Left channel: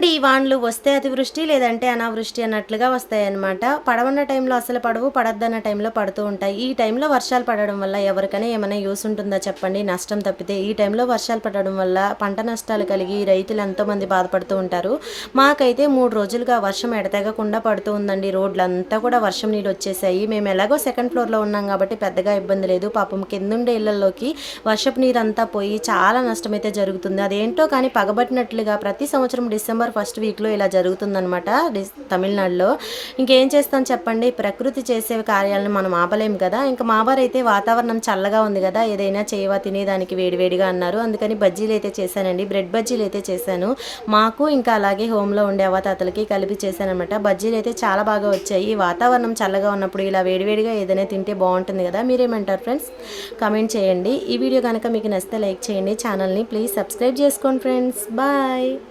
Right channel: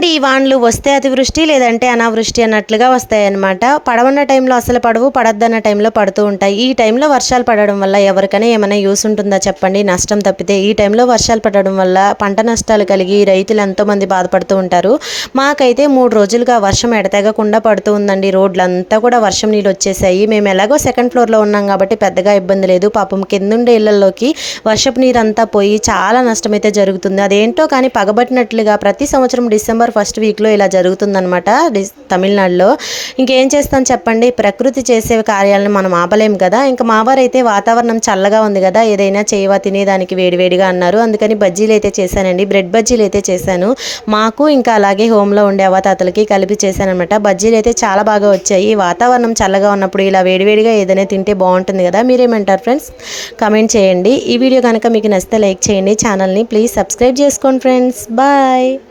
ఏంటండి ఈ వానలు వస్తే అతివృష్టి లేదంటే అనావృష్టి అన్నట్లుగా వస్తాయన్నమాట. పడవన్న టైంలో అసలు పడవు పడద్దన్న టైంలో పడుతూ ఉంటాయి. ఈ టైంలో వర్షాలు పడడం వల్ల ఎవరికైనా ఏమైనా యూస్ ఉంటుందా చెప్పండి. నష్టం తప్పితే ఈ టైంలో వర్షాలు పడడం వల్ల పంట నష్టాలు కలిగి రైతులు ఎంతోమంది బాధపడుతూ ఉంటారు. మాకైతే మూడు రోజులుగా వర్షం ఎడతెగకుండా పడుతూ ఉందండి. రోడ్లంతా కూడా వర్షం నీళ్ళు వచ్చేసాయి. మేము ఎలాగో సెకండ్ ఫ్లోర్లో ఉన్నాం కాబట్టి పెద్దగా ఇబ్బంది లేదు. పాపం కిందుండే ఇళ్ళలోకి వర్షపు నీరంతా పోయి చాలా నష్టం అయితే జరుగుతుంది. అదేంటో కానీ పగబట్టినట్లుగా ప్రతి సంవత్సరం డిసెంబర్ ఫస్ట్ వీక్లో ఇలా జరుగుతుందనమాట తమిళనాడులో. ఇంకేం చేస్తాం చెప్పండి? ప్రకృతి చేసే కార్యాలను మనం ఆపలేం కదా? ఇంకా మావారైతే వాతావరణం చల్లగా ఉంది కదా? ఏదైనా చేయవా? తినేదానికి వేడివేడిగా అన్నారు. అందుకని బజ్జీలు అయితే చేశానండి. బ్రెడ్ బజ్జీలు అయితే చేశాను. మాకు ఇంకా అలాగే హోమ్లో ఉండే అవతాతలకి కలిపి చేశానమాట బజ్జీలు అయితే చాలా బాగా వచ్చాయి. వాతావరణం చల్లగా ఉన్నప్పుడు ఇలా వేడివేడిగా ఏదైనా తింటే బాగుంటుంది కదా? మీరేమంటారు ఫ్రెండ్స్? కమెంట్ చేయండి. ఈ వీడియో కనుక మీకు నచ్చితే లైక్ చేయండి. ఛానల్ని ప్లీజ్ సబ్స్క్రైబ్ చేసుకోండి ఫ్రెండ్స్. బాయ్.